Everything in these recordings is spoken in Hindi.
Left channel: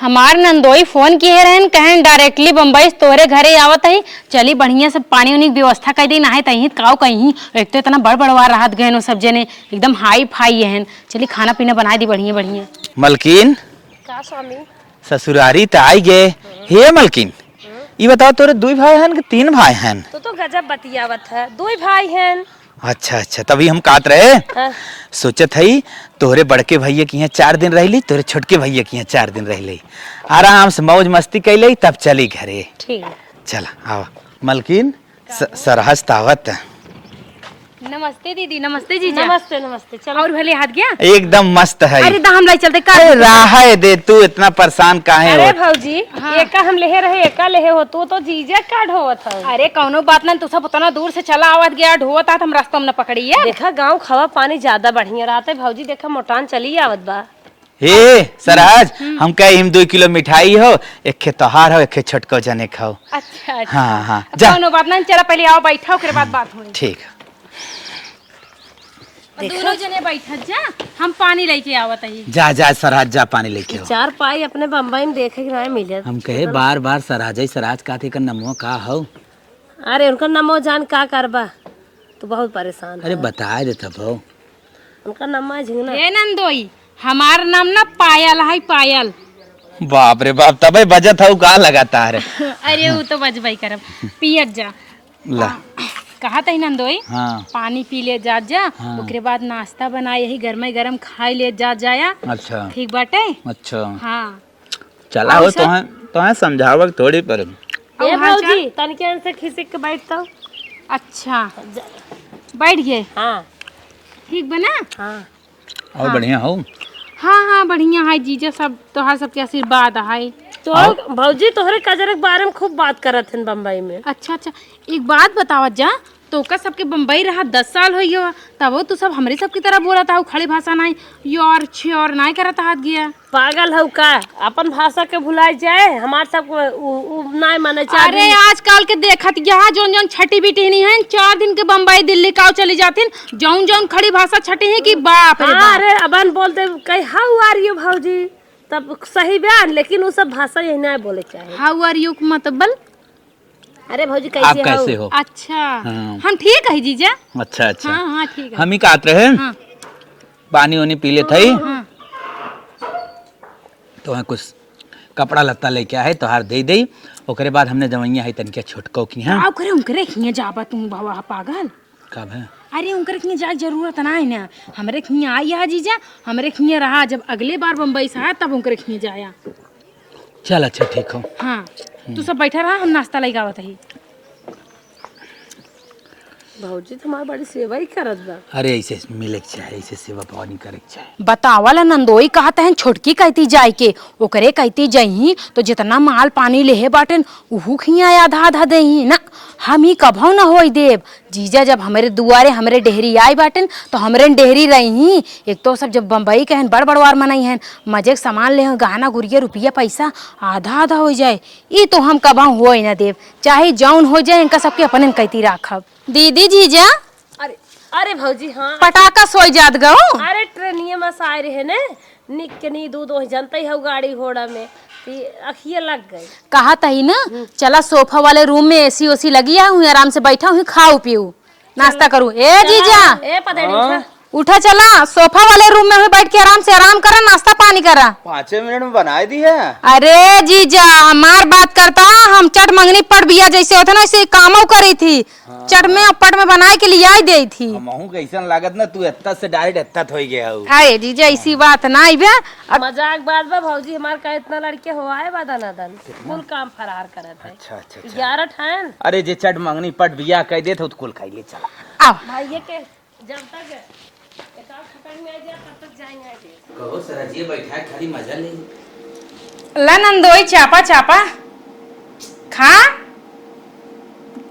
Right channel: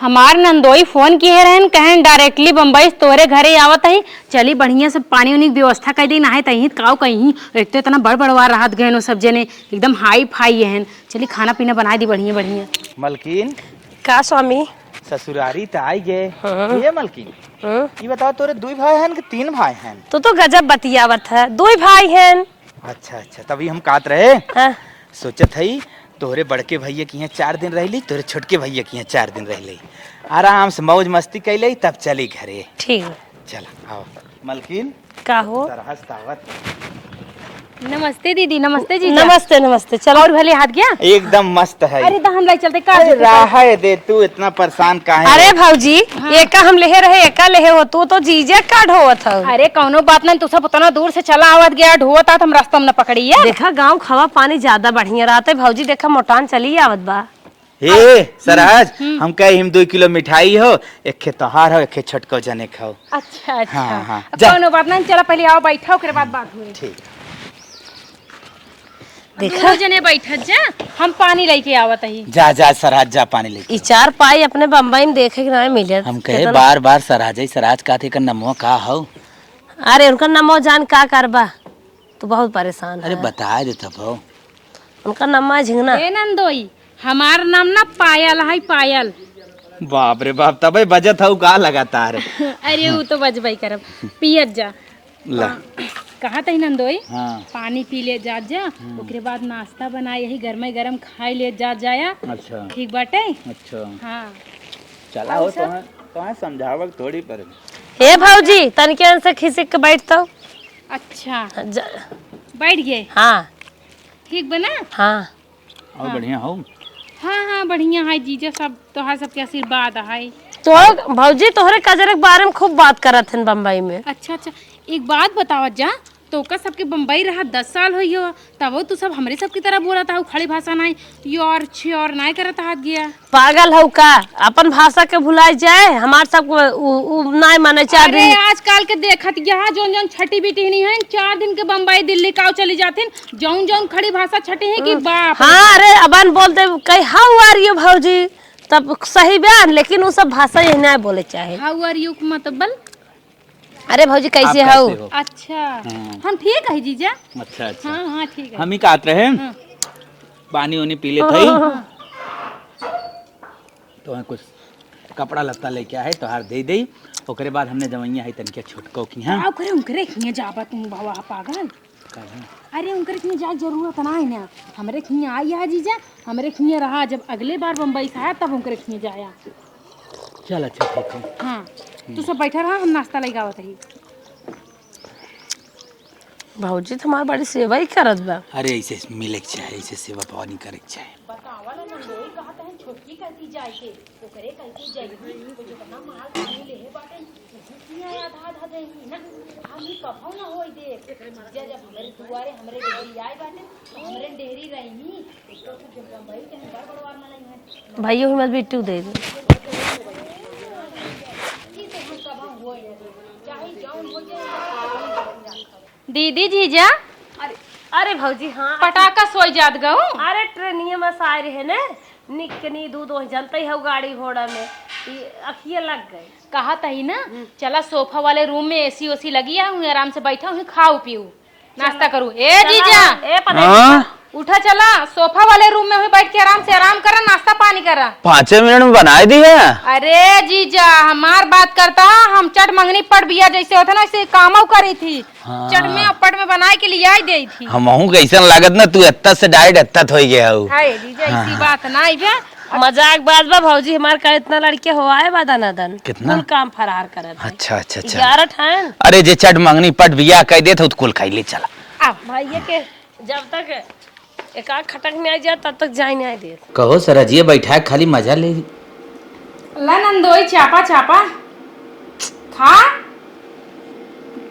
हमार नंदोई फोन किए रहन कहन डायरेक्टली बम्बई से तोरे घरे आवत है। चली बढ़िया से पानी उनी व्यवस्था कर दी नहाए तही काव कहीं एक तो इतना बड़ बड़वा राहत गए वो सब जने एकदम हाई फाई है। चली खाना पीना बना दी बढ़िया बढ़िया। मलकिन का स्वामी ससुरारी त आई गे। हे मलकिन ये बताओ तोरे 2 भाई हैं कि 3 भाई हैं? तो गजब बतियावत है, 2 भाई हैं। अच्छा अच्छा तभी हम कात रहे हाँ। सोचत हई तोहरे बड़के भैया के यहाँ 4 दिन रहली, तोरे छोटके भैया के यहाँ 4 दिन रहली, आराम से मौज मस्ती कैले तब चली घरे। ठीक है चला आवा मलकिन हो? सरहस तावत। नमस्ते दीदी। नमस्ते जी। नमस्ते नमस्ते। चलो और भले हाथ गया एकदम मस्त है। अरे हम लाई चलते अरे राह दे तू इतना परेशान काहे? अरे भाऊजी एका हम लेहे रहे एका लेहे हो तू तो जीजा का ढोवत हो। अरे कौनो बात ना, तू सब उतना दूर से चला आवत गया ढोवत हम रास्ता में न पकड़ी है। देखा गांव खवा पानी ज्यादा बढ़िया रहते भाऊजी, देखा मोटान चली आवत बा। हे सराज हम कहे हम 2 किलो मिठाई हो, एक खे तोहार हो, एक खे छोटको जने खाओ। अच्छा अच्छा हाँ हाँ जा। कौनो बात ना, चला पहले आओ बैठा फिर बात हुई। ठीक है देखा जने बैठा जा, हम पानी लेके आवत ही। जा जा सराज जा पानी लेके ई आओ। 4 पाई अपने बम्बई में देखे के नहीं मिले। हम कहे बार बार सराज सराज का थे नमो का हो। अरे उनका नमो जान का करबा, तू बहुत परेशान अरे है। बता दे तब हो। उनका नम्मा झिंगना। ए नंदोई हमार नाम ना पायल है, पायल। बाप रे बाप तबे बजत हो का लगातार। अरे वो तो बजबई करब। पियत जा। ले कहा था नंदोई हाँ पानी पी ले जा जा। हाँ। ओकरे बाद नाश्ता बना यही गरम गरम खाई ले जा जाया। अच्छा ठीक बाटे। अच्छा हाँ चला हो तो समझावक थोड़ी पर। हे भाऊजी तनके से खिसक के बैठतो। अच्छा बैठ गए। हाँ ठीक बना। हाँ और बढ़िया हो। हाँ हाँ बढ़िया है जीजा, सब तोहार सबके आशीर्वाद है। तो भाऊजी तोहरे कजरे के बारे में खूब बात करत हन बम्बई में। अच्छा अच्छा एक बात बतावत जा, तो का सबके बम्बई रहा 10 साल हो गयो, तब तो सब हमरे सब की तरह बोला था, खड़ी भाषा नहीं योर छोर नहीं करता हाथ गया। पागल हो का, अपन भाषा के भुलाई जाए हमार सब नहीं माने चाह। अरे आजकल के देखत यहाँ जौन जौन छठी बीटी नहीं है 4 दिन के बम्बई दिल्ली काव चली जाती जौन जौन खड़ी भाषा छठी है कि बाप। हाँ अरे अपन बोलते कहीं हाउ आर यू भाऊजी तब सही बयान, लेकिन वो सब भाषा यही नहीं बोले चाहे। हाउ आर यू मतलब? अरे भाऊजी कैसे हो? अच्छा हम ठीक है जीजा। अच्छा अच्छा हाँ हाँ ठीक है। हम ही कात रहे हाँ। पानी वानी पी ले थई तो वहाँ कुछ कपड़ा लत्ता लेके आए तो हार दे दई। ओकरे बाद हमने जवैया है तनके छोटको की हैं। आओ करे उनकरे खिया जाबा तुम बाबा पागल। कब है? अरे उनकर खिया जाए जरूरत ना है ना, हमरे खिया आई है जीजा, हमरे खिया रहा जब अगले बार बम्बई से आया तब उनकर खिया जाया। चल अच्छा ठीक हो। हाँ तू सब बैठा रहा, हम नाश्ता लगावत ही। भाऊजी तुम्हारी बड़ी सेवा ही करत बा। अरे ऐसे मिले के चाहिए, ऐसे सेवा पानी करे के चाहिए। बतावला नंदोई कहते हैं छोटकी कहती जाए के ओकरे कहती जही तो जितना माल पानी लेहे बाटन उहू खिया आधा आधा दही ना, हम ही कभौ न होई देव। जीजा जब हमारे दुआरे हमारे डेहरी आई बाटन तो हमरे डेहरी रही। एक तो सब जब बम्बई कहन बड़ बड़वार मनाई हैं मजे सामान ले गाना गुड़िया रुपया पैसा आधा आधा हो जाए। ई तो हम कभौ होई ना देव, चाहे जौन हो जाए इनका सबके अपन कहती राखब। दीदी जीजा अरे अरे भाऊजी हाँ पटाखा सोई जात गऊ। अरे ट्रेनिया में साए रहे ने निक के नी दूध हो जानते हो गाड़ी घोड़ा में अखिए लग गई। कहा तही ना चला सोफा वाले रूम में एसी ओसी लगी हूँ, आराम से बैठा हूँ, खाऊ पीऊ नाश्ता करूँ। ए जीजा ए पता उठा चला सोफा वाले रूम में बैठ के आराम से आराम करा, नाश्ता पानी करा। 5 मिनट में बनाई दी है। अरे जीजा हमार बात करता, हम चट मंगनी पट बिया जैसे होता ना ऐसे कामों करी थी। हाँ। चट में पट में बनाए के लिए आई दी थी। हमहू कैसन लागत ना तू एत्ता से डाइट एत्ता हो गया हो। हाय जीजा ऐसी बात ना आई बे। मजाक बात बा भाऊजी, हमार का इतना लड़के हो आए बा दनादन कितना? कुल काम फरार करत। अच्छा अच्छा अच्छा 11 ठान अरे जे चट मंगनी पट बिया कह दे तो कुल खाई ले चला। आओ भैया के जब तक एक आध खटक में आ जाए तब तक जाए नहीं दे। कहो सरजिए बैठा है खाली मजा ले। ला नंदोई चापा चापा खा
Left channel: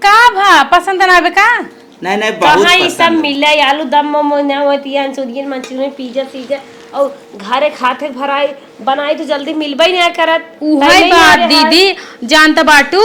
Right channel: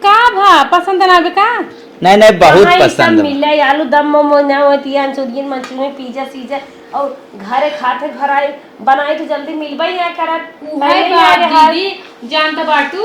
का भा पसंद ना बे का। नहीं नहीं बहुत कहाँ ये सब पसंद। मिले आलू दम मोमो ना होती मंचूरियन मंचूरियन पिज्जा सीजा और घरे खाते भराई बनाई तो जल्दी मिलबे नहीं करत। उहाई बात दीदी जानता बाटू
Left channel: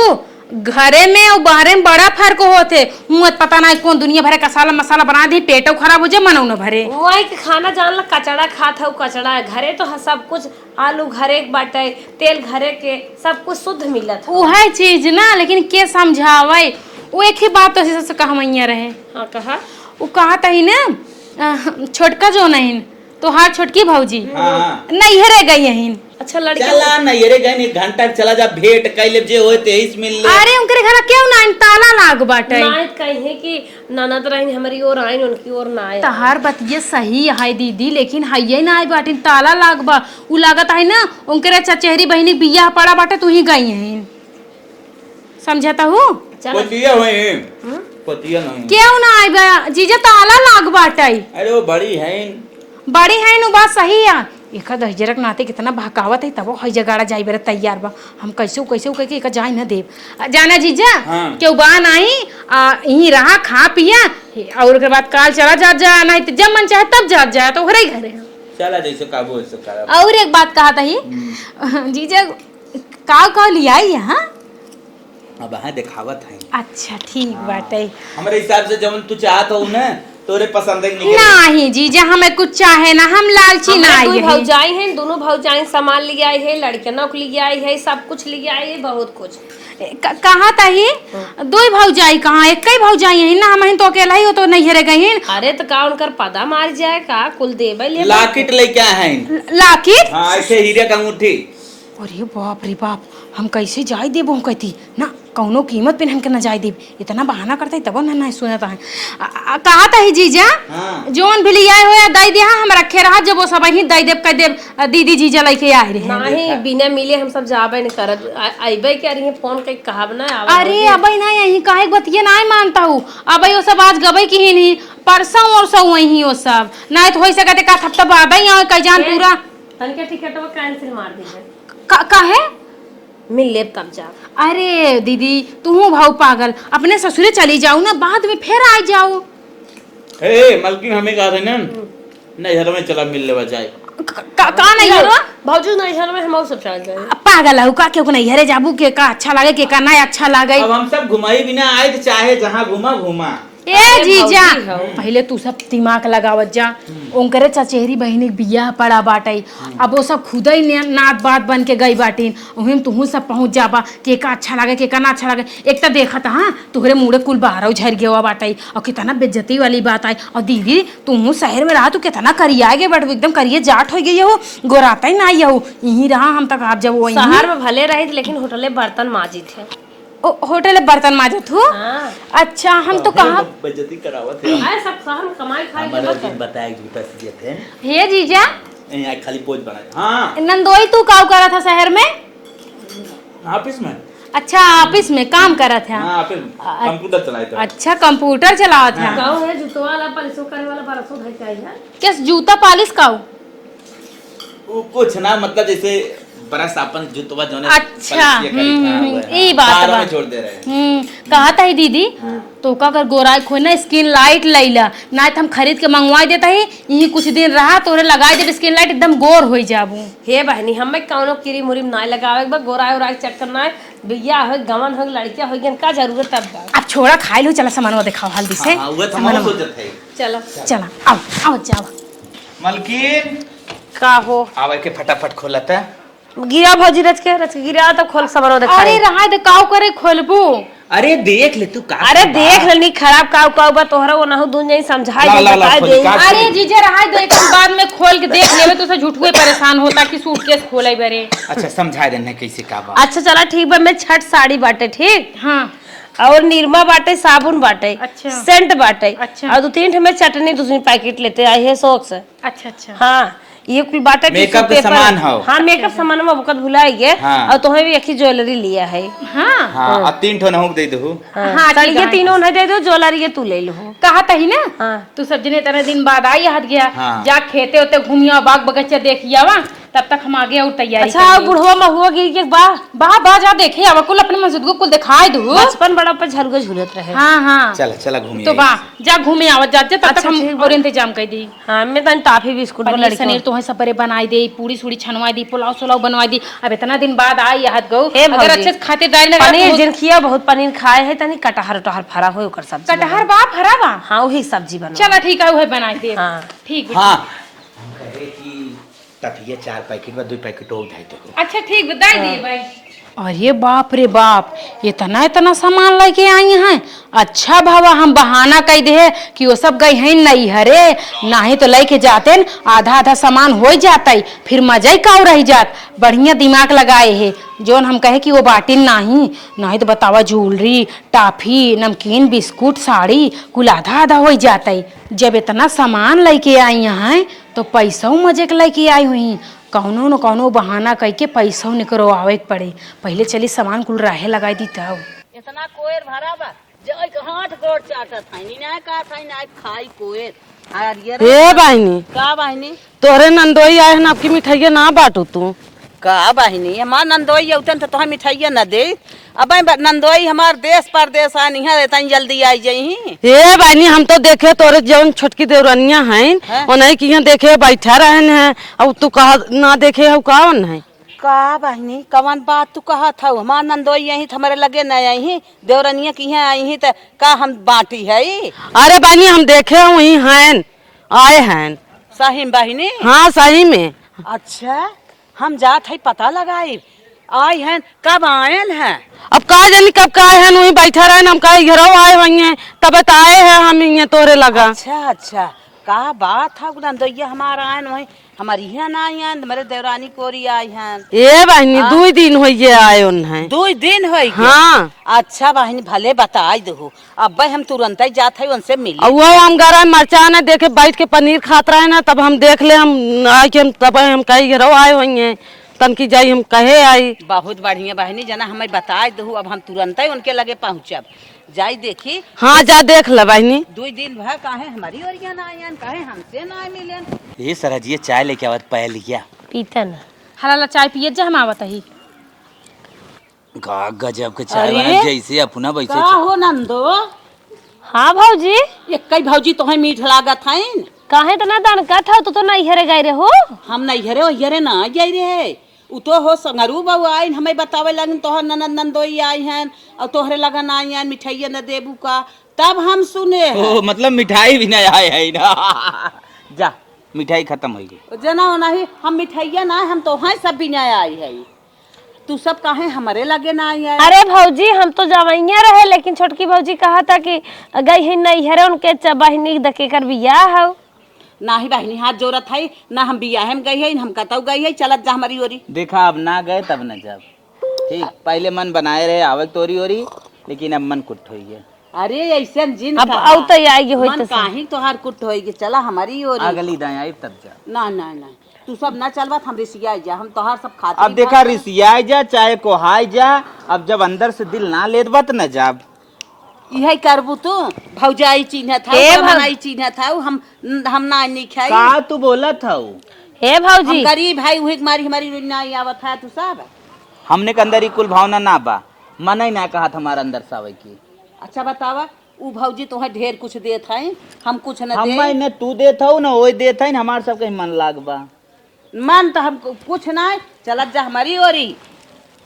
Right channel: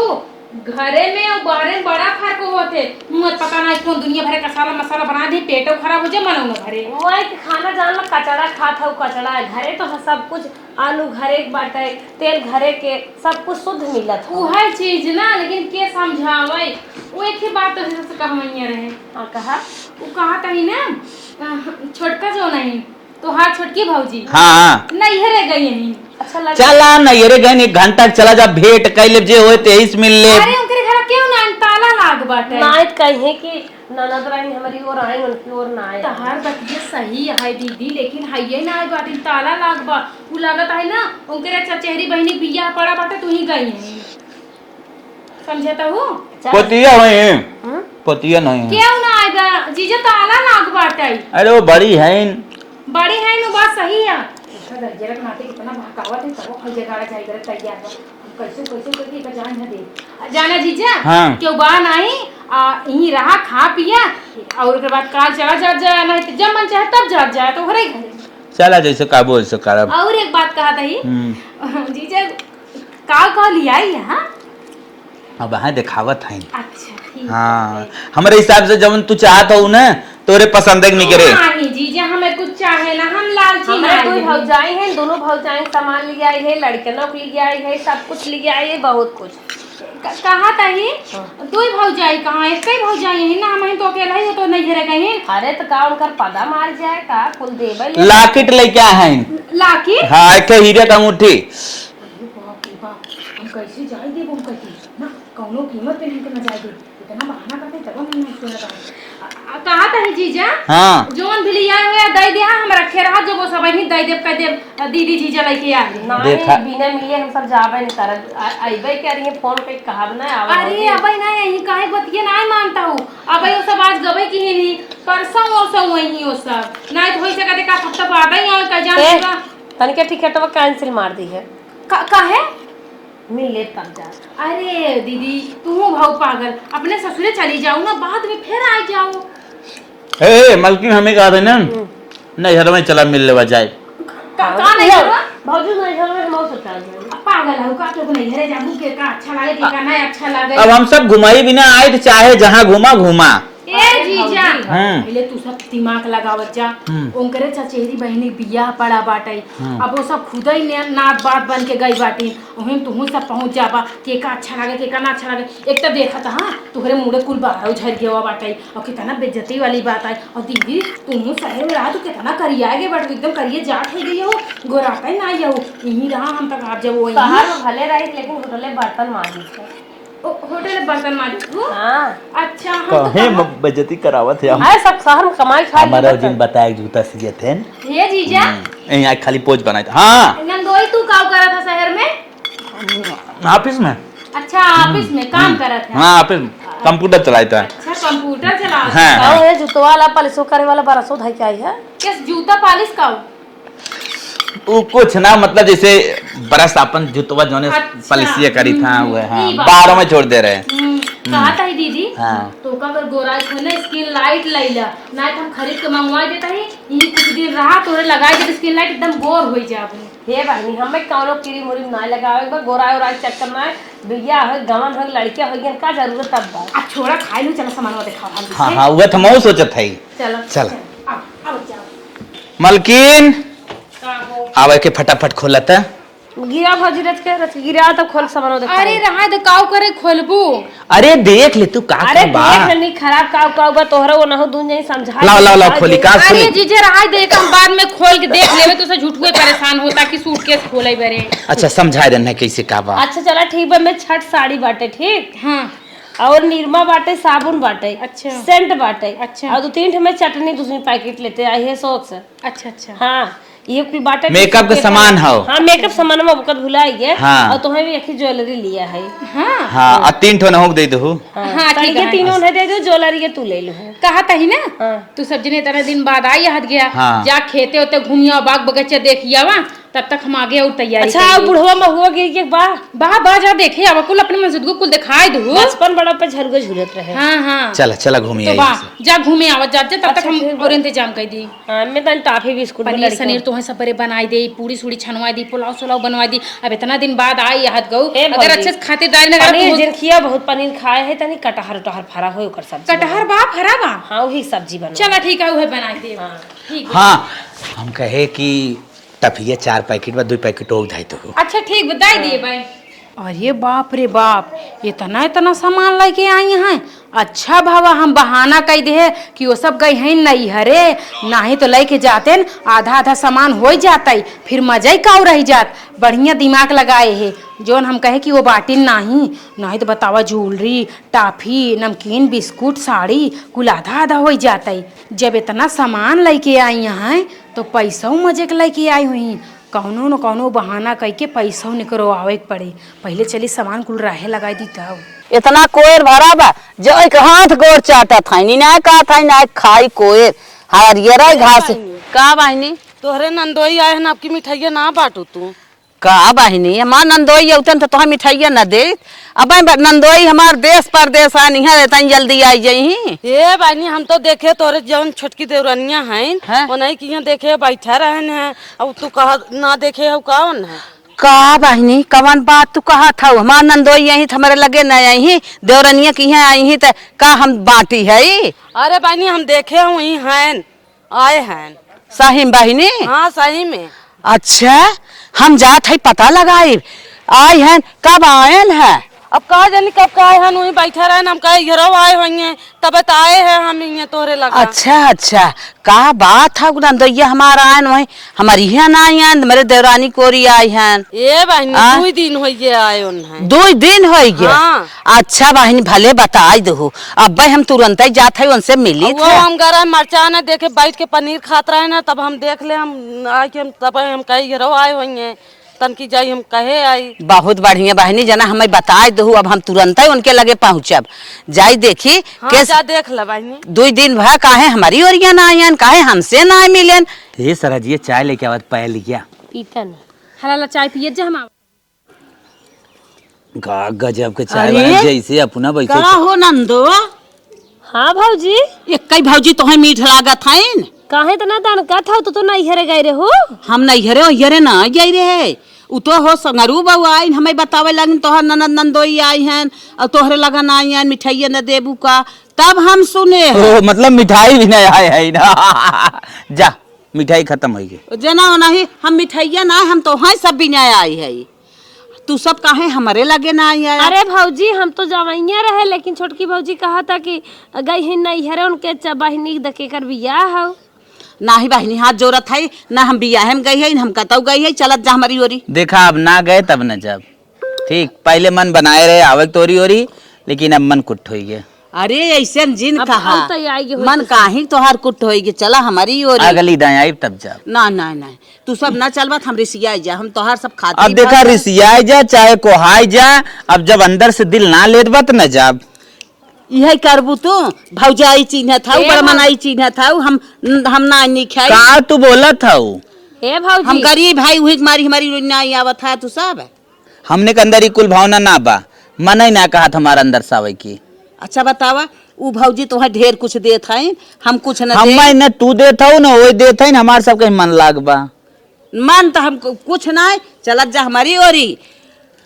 घरे में और बाहरे में बड़ा फर्क होते। मुँह पता ना कौन दुनिया भरे कसाला मसाला बना दे, पेटो खराब हो जाए मनो न भरे। वही के खाना जानला कचड़ा खात हो, कचड़ा है घरे तो सब कुछ, आलू घरे के बाटे, तेल घरे के, सब कुछ शुद्ध मिलत हो। वो है चीज ना, लेकिन के समझावे। वो एक ही बात तो से कहवैया रहे। हाँ कहा वो कहा था ही ना छोटका जो नहीं तो हार छोटकी भौजी हाँ नैहरे गई यहीं। अच्छा लड़की चला ना ये गए 1 घंटा चला जा भेंट कैले जे होए तेईस मिल ले। अरे उनके घर क्यों ना ताला लाग बाटे। नायत कहीं कि ननद रही हमारी ओर आई, उनकी ओर ना आए। तहार बतिये सही है दीदी, लेकिन हइये ना आए बाटी ताला लाग बा। उ लागत है ना उनके चचेरी बहनी बियाह पड़ा बाटे, तू ही गई है। समझता हूँ पतिया होए पतिया नहीं क्यों ना आए बा जीजा, ताला लाग बाटे। अरे वो बड़ी है बड़ी है नु बात सही है। एक दहजरक नाते कितना भकावत है, तब हई जगाड़ा जाई बेरे तैयार बा। हम कैसे कह के एक जाई ना देव जाना जीजा। हाँ। क्यों बा नहीं यहीं रहा खा पिया और के बाद काल चला जा नहीं तो जब मन चाहे तब जा जाए तो घरे घरे चला जैसे का बोल सो करब। और एक बात कहा था ही जीजा का लिया यहाँ। अब वहाँ दिखावत है। अच्छा ठीक हाँ। बात है। हमारे हिसाब से जब तू चाहत हो ना तोरे पसंद नहीं करे। नहीं जीजा हमें कुछ चाहे ना, हम लालची ना हमारे आई दो भौजाई हैं, दोनों भौजाई सामान लिए आई है, लड़कनों को लिए आई है, सब कुछ लिए आई है, बहुत कुछ। कहा था ही दो भौजाई कहाँ एक ही भौजाई है ना, हम तो अकेला ही हो तो नहीं रह गई। अरे तो का उनकर पदा मार जाए का कुल देवे ले लाकिट लेके आए हैं। लाकिट हाँ एक हीरे का अंगूठी। अरे बाप रे बाप, हम कैसे जाए देव। हम कहती ना कौनो कीमत पे हमके न जाए देव, इतना बहाना करते तब ना नहीं सुनता है। कहा था ही जीजा हाँ। जोन भी लिया हो या दई दे, हम रखे रहा जब वो सब ही दई देव कह देव दीदी जीजा लेके आए रहे। नहीं बिना मिले हम सब जाबे नहीं करब, अइबे के रही फोन के कहब ना आवे। अरे अबे नहीं यही काहे बतिये नहीं मानता हूँ। अबे वो सब आज गबे की ही नहीं, परसों और सब वही वो सब नहीं तो हो सकते का हफ्ता बाद ही और कह जान पूरा तनिके टिकटवा कैंसिल मार दी है। काहे मिल ले तब जा। अरे दीदी तुम भाव पागल, अपने ससुरे चली जाओ ना, बाद में फिर आ जाओ। ए मलकिन हमें कहा था ना नहीं हर में चला मिल लेवा जाए। का नहीं हो भौजी नहीं घर में हम सब चल जाए। पागल है का क्यों नहीं हरे जाबू के का अच्छा लगे के का नहीं अच्छा लगे। अब हम सब घुमाई बिना आए तो चाहे जहाँ घुमा। ए जीजा हाँ। पहले तू सब दिमाग लगावत जा। ओंकरे चचेरी बहनी बियाह पड़ा बाटे। अब वो सब खुद ही नात बात बन के गई बाटी, वहीं तुम सब पहुंच जाबा के का अच्छा लगे के का ना अच्छा लगे। एक तो देखा था हाँ तुहरे मुड़े कुल बाहर झर गया बाटे और कितना बेइज्जती वाली बात आई। और दीदी तुम शहर में रहा तो कितना करिया गए बट एकदम करिए जाट हो गई हो, गोराता ही ना आई हो। यहीं रहा हम तक आप जब वही शहर में भले रहे लेकिन होटले बर्तन माजी थे। होटल बर्तन माजत हो। हाँ। अच्छा हम तो कहा बेइज्जती करावत है। है सब शहर में कमाई खा हमारा दिन बताया जूता सिए थे हे जीजा यहाँ खाली पोज बनाए थे। हाँ नंदोई तू काम करा था शहर में? ऑफिस में। अच्छा ऑफिस में काम करा था। हाँ ऑफिस कंप्यूटर चलाए थे। अच्छा कंप्यूटर चलावा था। हाँ। गाँव है जूतवा वाला पलिसो करे वाला बरसो धाई आई है। किस जूता पालिश का हो? वो कुछ ना मतलब जैसे बरस अपन जुतवा जोने अच्छा, पलिसिया करी था वो ई बात बारों है। में छोड़ दे रहे। कहा था ही दीदी हाँ। तो का अगर गोराई खोना स्किन लाइट लैला ना तो हम खरीद के मंगवा देता ही, यही कुछ दिन रहा तो लगाई जब स्किन लाइट एकदम गोर हो जाबू। हे बहनी हमें कौनो चिरी मुरी ना लगावे बा, गोराई ओराई चक्कर ना बिया हो गवन हो लड़कियां हो गन का जरूरत तब बा। अब छोड़ा खाई लो, चला सामान दिखाओ हल्दी हाँ से। हाँ वो तो मैं सोचत है। चलो चला आओ आओ जाओ। मलकिन का हो आवे के फटाफट खोलता गिरा भौजी रच गिरा तो खोल समरो देखा। अरे रहा दे काव करे खोलबू। अरे देख ले तू का अरे देख लेनी खराब काव बा तोहरा वो ना हो दून नहीं समझाई। ला खोली का अरे जीजे रहा दे हम बाद में खोल के देख लेवे तो से झूठुए परेशान होता कि सूटकेस खोले बेरे। अच्छा समझा देना कैसे का बा। अच्छा चला ठीक बा, मैं छठ साड़ी बाटे ठीक हां और निरमा बाटे साबुन बाटे अच्छा। सेंट बाटे अच्छा। और 2-3 में चटनी दूसरी पैकेट लेते आई है शौक से। अच्छा अच्छा हाँ ये कुछ बाटे मेकअप का सामान हो। हाँ मेकअप सामान में बुकत भुलाई गए। हाँ। और तुम्हें भी एक ही ज्वेलरी लिया है। हां हाँ और 3 ठो नहुक दे दो। हाँ, ठीक ये है। 3 उन्हें दे दो, ज्वेलरी ये तू ले लो। कहा था ही ना हाँ। तू सब जने तरह दिन बाद आई हट गया। हाँ। जा खेते होते घूमिया बाग बगीचा देखिया वा तब तक हम आगे और तैयारी अच्छा अब बुढ़वा महुआ गिर के बा बा जा देखे आवा कुल अपने मस्जिद को कुल दिखाई दू। बचपन बड़ा पे झलगो झूलत रहे। हाँ हाँ चला चला घूमिए तो बा जा घूमे आवत जाते तब तक अच्छा, हम ठीक बा। और इंतजाम कर दी। हाँ मैं तो टॉफी बिस्कुट पनीर लड़की सनीर तुम्हें सब बनाई दे, पूरी सूड़ी छनवाई दी, पुलाव सुलाव बनवाई दी। अब इतना दिन बाद आई हाथ गऊ अगर अच्छे से खातिरदारी न पनीर जिन खिया बहुत पनीर खाए है तनी कटहर उटहर फरा हो ओकर सब्जी कटहर बा फरा बा। हाँ वही सब्जी बना। चला ठीक है वही बनाई दे। हाँ ठीक हाँ हम कहे कि टफिया 4 पैकेट बा 2 पैकेट और धाई तो अच्छा ठीक बताई दिए भाई। अरे बाप रे बाप इतना इतना सामान लेके आई हैं। अच्छा भावा हम बहाना कह दे कि वो सब गई हैं नहीं हरे नहीं तो लेके जाते न आधा आधा सामान हो जाता फिर मजा ही काउ रह जात। बढ़िया दिमाग लगाए है जोन हम कहे कि वो बाटिन नहीं तो बतावा ज्वेलरी टाफी नमकीन बिस्कुट साड़ी कुल आधा आधा हो जाता। जब इतना सामान लेके आई हैं तो पैसा मजे के लेके आई हुई कौनो न कौनो बहाना कह के पैसा निकलवावे के पड़े। पहले चली सामान कुल राहे लगाई दी तब। इतना कोयर भरा बा जो एक हाथ गोर चाटा था ना का था ना खाई कोयर हरियर बहिनी। का बहिनी तोरे नंदोई आए हन आपकी मिठाइया ना बाटू तू का बहिनी हमार नंदोई औतन तो तोह मिठाइया न दे। अब नंदोई हमार देश परदेश आनी है तन जल्दी आई जही। हे बहनी हम तो देखे तोरे जौन छोटकी देवरनिया हैं हाँ? उन्हें की देखे बैठा रहन है अब तू कहा ना देखे हो कौन है का बहिनी कवन बात तू कहा था हमार नंदोई यही हमारे लगे न आई देवरनिया की है आई तो का हम बाटी है। अरे बहनी हम देखे हुई हैं आए हैं सही बहिनी हाँ सही में। अच्छा हम जात है पता लगाए आई हैं कब आयल है। अब कहा जानी कब का आए हैं वही बैठा रहे हम कहे घर आए हुई हैं तब आए हैं हम ये तोरे लगा। अच्छा का बात है नंदोइया हमारा आयन वही हमारी यहाँ ना आई हैं मेरे देवरानी कोरी आई हैं। ये बहनी 2 दिन हो गए आए उन्हें 2 दिन हो गए। हाँ। अच्छा बहनी भले बताई दो अब भाई हम तुरंत ही जाते हैं उनसे मिली वो हम गरा मरचा ना देखे बैठ के पनीर खात रहे ना तब हम देख ले हम आए के तब हम कहे घरों आए हुई हैं तन की जाई हम कहे आई। बहुत बढ़िया बहनी जना हमें बताए दो अब हम तुरंत ही उनके लगे पहुँचब जाई देखी। हाँ जा देख ल बहनी 2 दिन भा काहे हमारी ओरिया ना आयन काहे हमसे ना मिलन। ये सरजिए चाय लेके आवत पहल लिया पीतन हला चाय पिए जा हम आवत ही। का गजब के चाय बना जैसे अपना का बैठे हो नंदो हाँ भौजी एक कई भौजी तो मीठ लागत है काहे तो ना दान का था तो नहीं हरे गए रे हो। हम नहीं हरे ओहरे ना जाई रे उ तो हो संगरू बहू आई हमें बतावे लगन तोहर ननद नंदोई आई हैं और तोहरे लगन आई हैं मिठाइया न देबू का तब हम सुने ओ मतलब मिठाई भी नहीं आए है ना जा मिठाई खत्म हो गई जना नहीं हम मिठाइया ना हम तो हाँ सब भी नहीं आई है तू सब काहे हमारे लगे ना आई है। अरे भौजी हम तो जवैया रहे लेकिन छोटकी भौजी कहा था कि गई ही नहीं हरे उनके बहिनी दके कर बिया हो ना ही बहनी हाथ जोरत है ना हम बियाह में गई है हम कतौ गई है चलत जा हमारी ओरी। देखा अब ना गए तब न जब ठीक पहले मन बनाए रहे आवक तोरी ओरी लेकिन अब मन कुट हो गया। अरे ऐसे जिन अब कहा औ तो आएगी होई मन तो काहे तोहार कुट होएगी चला हमारी ओरी अगली दाएं आई तब जब ना ना ना तू सब ना चलबत हम रिसिया जा हम तोहार सब खाते अब देखा रिसियाई जा चाहे कोहाई जा अब जब अंदर से दिल ना लेत बा त न जब यही करबू तू भौजाई चिन्ह था बड़मनाई चिन्ह था हम ना नहीं खाई का तू बोलत हऊ हे भौजी हम गरीब भाई हुई मारी हमारी रोज ना आवत है तू सब। हमने के अंदर ही कुल भावना ना बा मन ही ना कहा हमारा अंदर सावे की। अच्छा बतावा उ भौजी तो ढेर कुछ देत है हम कुछ न हम दे न तू देत हऊ न ओए देत है हमार सबके मन लाग बा मन तो हम कुछ ना चलत जा हमारी ओरी।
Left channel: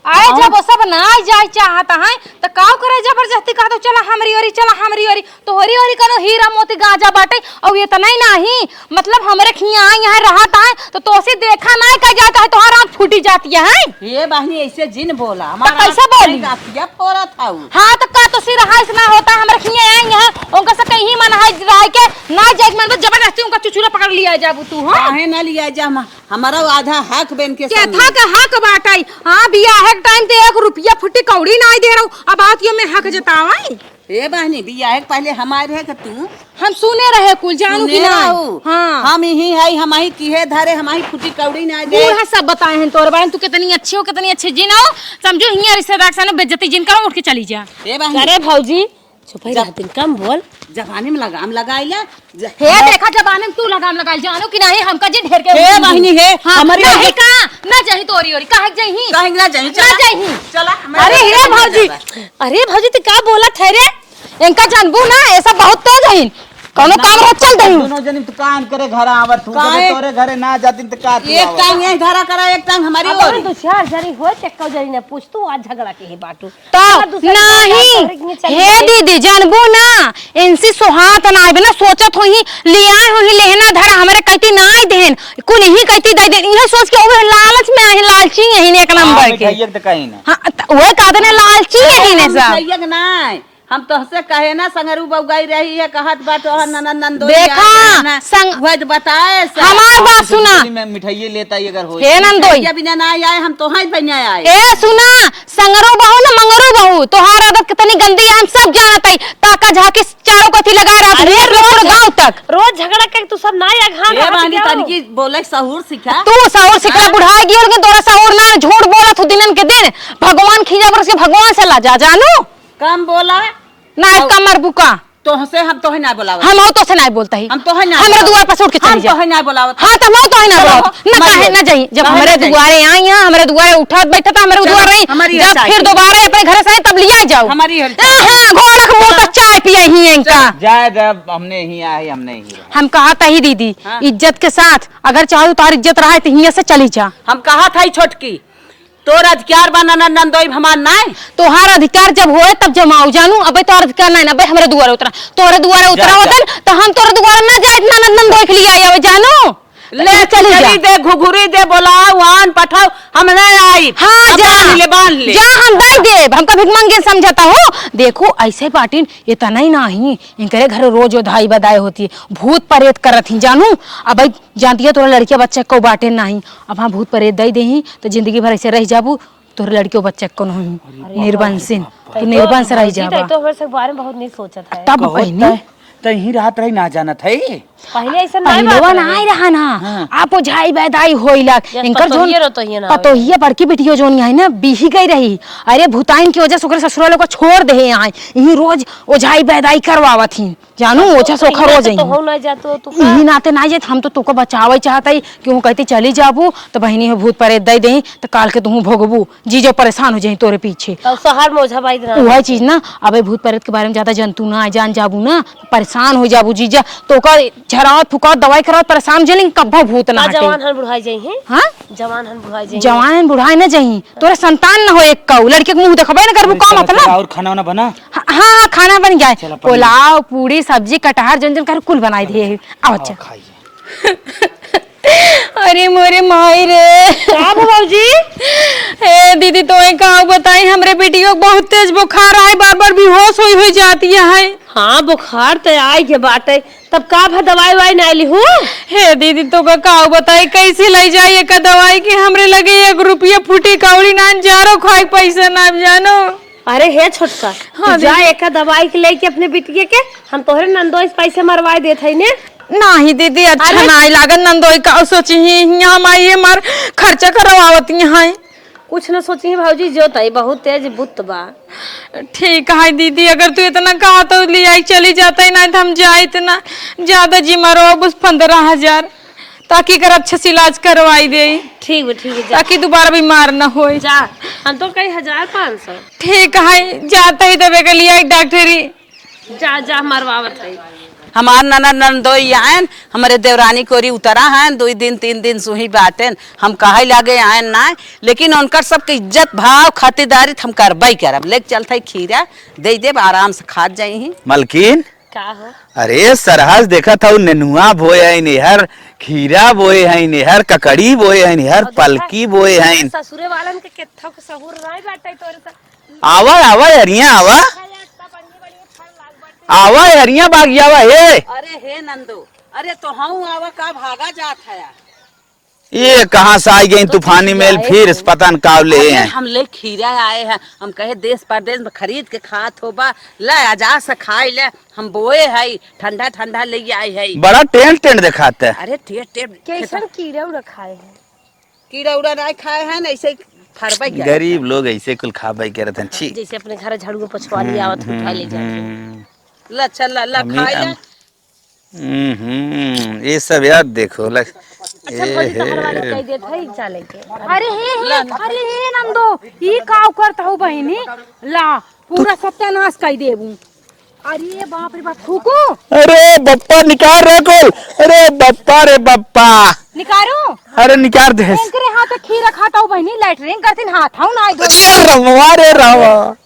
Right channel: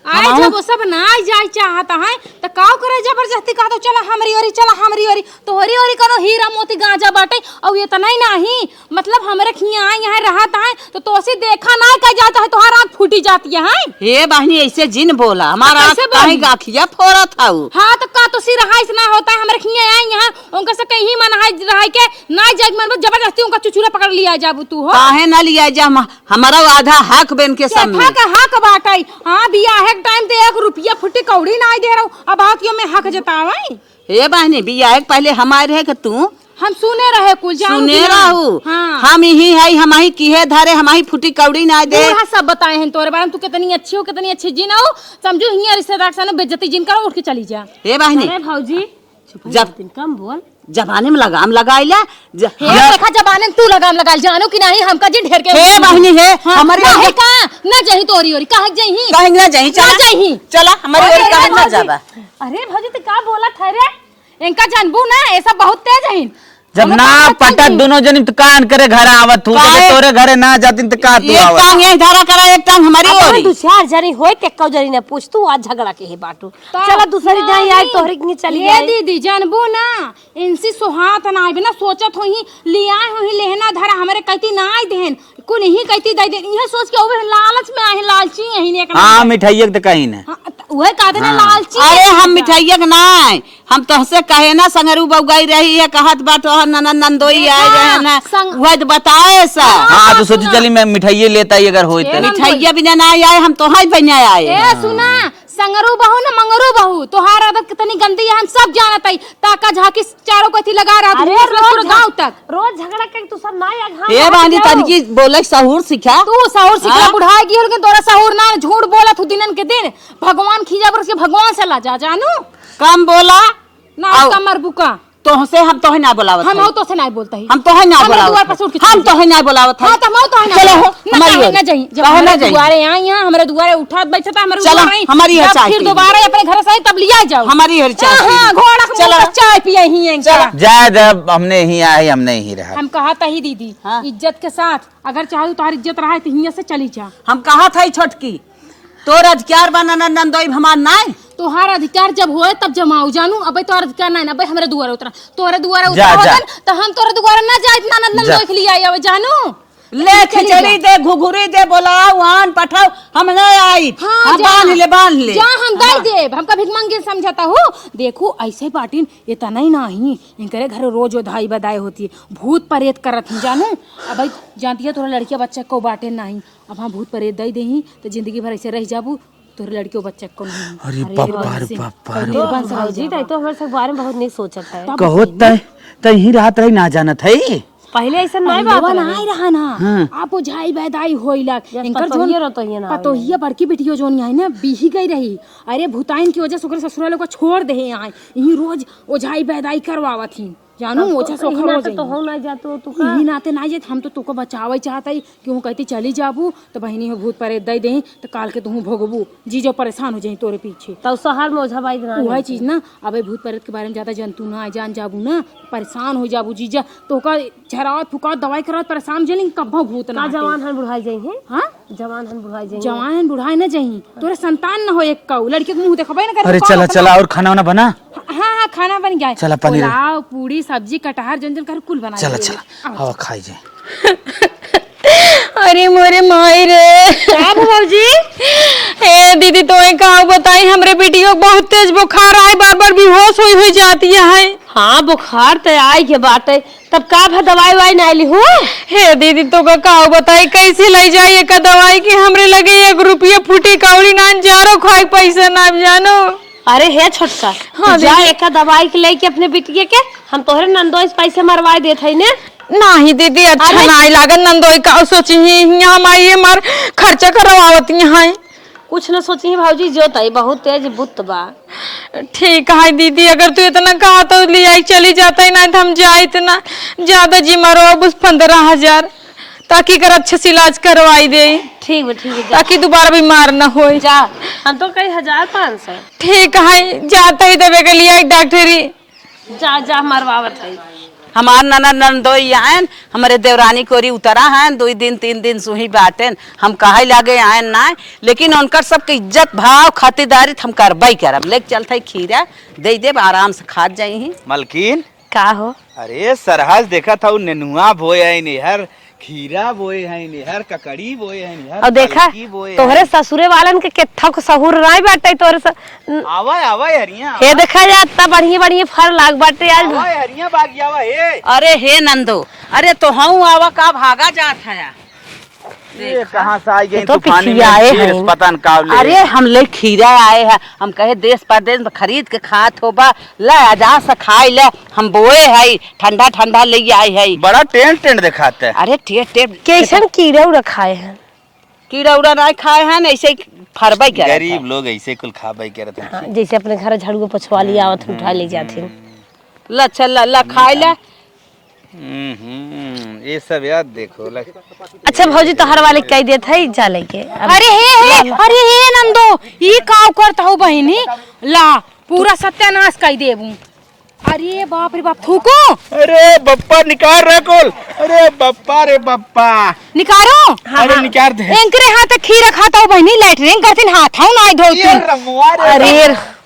अरे जब वो सब ना जाए चाहता है तो काव करे जबरदस्ती कहा तो चला हमरी ओरी तोहरी ओरी कनो हीरा मोती गांजा बाटे और ये तो नहीं मतलब हमरे खिया यहाँ रहता है तो तोसे देखा नहीं कह जाता है तोहर आँख फूटी जाती है। हे बहनी ऐसे जिन बोला हमारा कैसे बोली? गाठिया फोड़ा था हाँ तो का तो सिर हाइस ना होता है हमरे खिया आई यहाँ उनका से कहीं मन है रह के ना जाए मतलब जबरदस्ती उनका चुचुरा पकड़ लिया जाबू तू हो काहे ना लिया जा हमारा आधा हक बेन के क्या सामने था का हक बाटाई। हाँ बिया हक टाइम ते 1 रुपया फुटी कौड़ी ना दे रहा हूँ अब आत यो में हक जतावाई। हे बहनी बियाह के पहले हमारे रहे के तू हम सुने रहे कुल जानो सुने कि ना? रहू हाँ हम ही है हम ही किहे धरे हम ही फुटी कौड़ी ना दे। बूढ़ा सब बताए हैं तोरे बारे में तू कितनी अच्छी हो कितनी अच्छी जिन हो समझो हियां रिश्तेदार से बेइज्जती जिन करो उठ के चली जा। हे बहनी अरे भौजी जब कम बोल जबाने में लगाम लगाइला हे देखा जबाने में तू लगाम लगा जानो कि नहीं हमका जी ढेर के हे बहनी हे हमारी काहे का ना जही तोरी ओरी काहे जही कहीं ना जाई चला जाही चला हमारे अरे हे भौजी अरे भौजी तू का बोला थे रे इनका जानबू ना ऐसा बहुत तेज है जब ना पता दोनों जनी तो कान करे घर आवत हूँ तोरे घरे ना जाती तो का तू एक आवत टांग यही धारा करा एक टांग हमारी ओरी दूसरा जरी होय के कौ जरी ने पूछ तू आज झगड़ा के हे बाटू तो दूसरी जरी तोहरे के चली हे दीदी जानबू ना इनसी सुहात ना आवे ना सोचत हो ही लिया हो ही लेना धरा हमरे कहती ना आई देन कुल ही कहती दे दे ये सोच के ओवे लालच में है लालची है ने एक नंबर के मिठाई तो कहीं ना हां ओए का देना लालची है ने मिठाइया के नाय हम तोहसे कहे ना संगरू बउगाई रही है कहत बाटो नंदोई देखा, आए ना वह तो बताए सा हाँ तो सोच चली मैं मिठाई लेता ही अगर होए ए तो। नंदोई मिठाइया बिना ना आए हम तो हाई बना आए ए सुना संगरू बहू ना मंगरू बहू तोहार आदत कितनी गंदी है हम सब जानत है ताका झाकी चारों कथी लगा रहा अरे पूरे गांव तक रोज झगड़ा के तू सब ना या घाम ये बानी तनकी बोले सहूर सिखा तू सौर सिखा बुढ़ा गिर के तोरा सौर ना झूठ बोलत हो दिनन के दिन भगवान खिजा बरस के भगवान से ला जा जानू कम बोला ना कमर बुका तोहसे हम तोहे ना बुलावत हम तो से नहीं बोलता ही हम तोहे ना हमरा दुआर पर छोड़ के हम चली जा तोहे ना बुलावत हां तो मैं तो ना चलो, ना हमारी कहे ओर। ना जाई जब बाहर हमारे ना जाई। दुआरे आई यहां हमारे दुआरे उठत बैठत हमारे चलो, दुआरे हमारी जब ओर चाय फिर पी। दोबारा अपने घर से तब लिया जाओ हमारी ओर चाय हां पी। घोड़ा के मुंह चलो। पे चाय पिए ही इनका जाए जब हमने ही आए हमने ही रहा हम कहा था ही दीदी हाँ। इज्जत के साथ अगर चाहे तार इज्जत रहा है तो हिया से चली जा हम कहा था छोटकी तोर अधिकार बना नंदोई हमार नाय तोहार अधिकार जब होए तब जमाऊ जानू अबे तोर अधिकार नहीं ना अबे हमरे दुआरे उतरा तोरे दुआरे उतरा जा। होतन तो हम तोरे दुआरे ना जाए ना नंदन देख लिया आवे जानू ले चली दे घुघुरी दे बोलो वान पठाओ हम नहीं आई हाँ अब जा बांध ले जा हम दे देब हमका भिख मांगे समझाता हो देखो ऐसे पाटिन इतना ही नहीं इनके घर रोज धाई बदाई होती है भूत प्रेत करत ही जानू अब जानती है तोरा लड़किया बच्चा को बाटे नहीं अब हाँ भूत प्रेत दे दे तो जिंदगी भर ऐसे रह जाबू तोरे लड़कियों बच्चे को नहीं निर्बंस से रह जाबा तो हमरे से बारे में बहुत नहीं सोचत है तब पहले तो ही रात रही ना जानत है पहले ऐसा नहीं पहलवा नहीं रहा ना आपो झाई बैदाई होइला इनकर पतोहिए जोन रतोहिए ना पतोहिए बड़की बिटियो जोन है ना बीही गई रही अरे भूताइन की वजह से ओकरे ससुराल को छोड़ दे यहाँ यही रोज ओझाई बैदाई करवावत ही जानू ओछा सोखा रोज तो हो ना जातो तू यही नाते ना जात हम तो तुको बचावे चाहता ही कि वो कहती चली जाबू तो बहनी हो भूत प्रेत दे दे तो काल के तू भोगबू जीजो परेशान हो जाई तोरे पीछे तब शहर में ओझा बाई रहा वही चीज ना अबे भूत प्रेत के बारे में ज्यादा जंतु ना जान जाबू ना परेशान हो जाबू जीजा तो ओकर झरावत फुकावत दवाई करावत परेशान जेलिंग कब्बा भूत ना हटे जवान हन बुढ़ाई जाई हैं हां जवान हन बुढ़ाई जाई जवान बुढ़ाई ना जाई तोरे संतान ना हो एक कौ लड़के के मुंह देखबे ना करबू चला कौन चला अपना और खाना वाना बना हां खाना बन गया चला, पनीर। पुलाव पूरी सब्जी कटहर जंजन कर कुल बनाई चला दिए चला आओ आओ अच्छा खाई जाए अरे मोरे माई रे का बाबूजी ए दीदी तो एक का बताई हमरे बेटियों को बहुत तेज बुखार आए बार-बार बेहोश हुई जाती है हाँ बुखार तो आई के बाटे तब का भा दवाई वाई नहीं ली हूँ हे दीदी तो का बताई कैसे ले जाइए का दवाई की हमरे लगे 1 रुपया फूटी कौड़ी ना जारो खाई पैसा ना जानो अरे हे छोटका हाँ, तू जा एक दवाई के लेके अपने बिटिया के हम तोहरे नंदोई से पैसे मरवा देत है ने नहीं दीदी अच्छा नहीं लागन नंदोई का सोची यहाँ माई मार खर्चा करवावत यहाँ कुछ न सोची भाजी जो तई बहुत तेज बुत बा ठीक है दीदी अगर तू इतना कहा तो ले आई चली जाता ही ना तो हम जाए इतना ज्यादा जी मरो अब 15,000 ताकि कर अच्छे से इलाज करवाई दे ठीक है ताकि दोबारा बीमार न हो जा हम तो कई 1,500 ठीक है जाता ही दबे के लिए डॉक्टरी जा मरवावत है हमार नंदोई आयन हमारे देवरानी कोरी उतरा है 2 दिन 3 दिन सुही बाटेन हम कहे लागे आयन ना लेकिन उनकर सबके इज्जत भाव खातिरदारी हम करबई करब लेके चलते खीरा दे देब आराम से खा जाई मलकिन का हो अरे सरहज देखा था नेनुआ बोए है निहर खीरा बोए है निहर ककड़ी बोए है निहर पलकी बोए है ससुरे वालन के केथा को सहूर राय बाटे तोरे से आवा आवा हरिया ये आवा देखा जाता बढ़िया फल लाग बाटे आवा हरिया बागिया आवा हे अरे हे नंदो अरे तो हम आवा का भागा जात है ये कहाँ से आई गई तूफानी में फिर पता न काव ले अरे हम ले खीरा आए हैं हम कहे देश परदेश में खरीद के खात होबा ले आजा से खाई ले हम बोए है ठंडा ठंडा ले आई है बड़ा टेंट दिखाते हैं अरे टेट कैसन कीड़ा रखाए हैं कीड़ा उड़ा नहीं खाए हैं ऐसे ही फरबई कर गरीब लोग ऐसे कुल खाबाई करते हैं छी। जैसे अपने घर झाड़ू पोछवा लिया आवत उठा ले जाते ला चल ला खाई ला। ये सब यार देखो अच्छा भौजी तोहर वाले कह देत है जा लेके अरे हे नंदो ये काव करता हो बहिनी ला पूरा सत्यानाश कर देबू। अरे बाप रे बाप थूको अरे बप्पा निकाल रहे कोल। अरे बप्पा रे बप्पा निकारो। अरे निकाल दे। एंकरे हाथ खीरा खाता हो बहिनी लैटरिन करथिन हाथाऊ ना धो।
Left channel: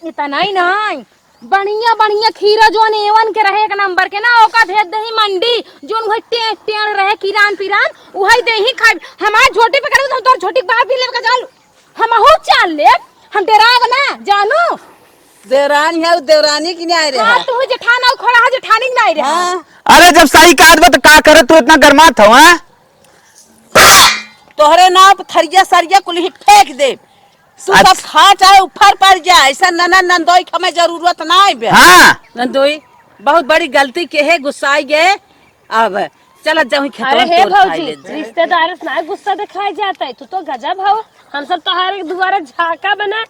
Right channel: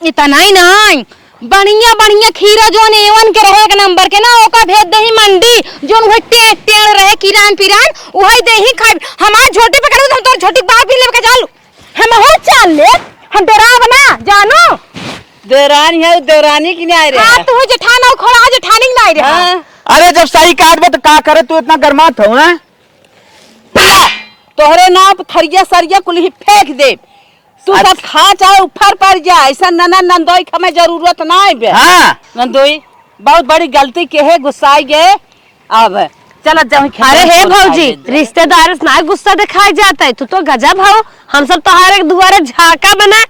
इतना ही नहीं बढ़िया बढ़िया खीरा जोन एवन के रहे एक नंबर के ना ओका भेज दही मंडी जोन वो टेड़ रहे किरान पिरान वही देही खाई। हमार झोटे पे करू तो तोर झोटी बाहर पी लेके चालू हम हो चाल ले हम डराव ना जानो। देवरानी है देवरानी की नहीं आ रहा तू जेठाना खोड़ा जेठानी नहीं रहा। अरे जब सही कहा तो का करे तू इतना गरमात हो? हैं तोहरे नाव थरिया सरिया कुल ही फेंक दे तू सब खा चाहे ऊपर पड़ जा। ऐसा नना नंदोई के हमें जरूरत ना है। हाँ नंदोई बहुत बड़ी गलती के है गुस्सा गए अब चल जाओ। अरे हे भौजी रिश्तेदार ना गुस्सा दिखाया जाता है तू तो गजब हो। हम सब तोहारे दुआरे झाका बना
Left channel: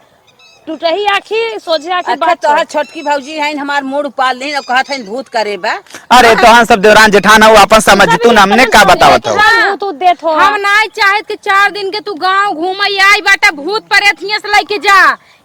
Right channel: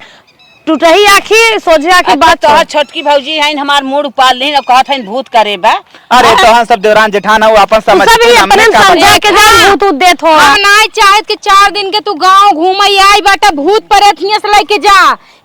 टूटही आखी सोचे आखी बात तो छोटकी भौजी है हमार मूड उपाल ली कहत है भूत करे बा। अरे तो हम सब देवरान जेठाना हुआ अपन समझ तू हमने का के भूत देत हो। हम नहीं चाहत के 4 दिन के तू गांव घूमई आई बाटे भूत प्रेत हियां से लेके जा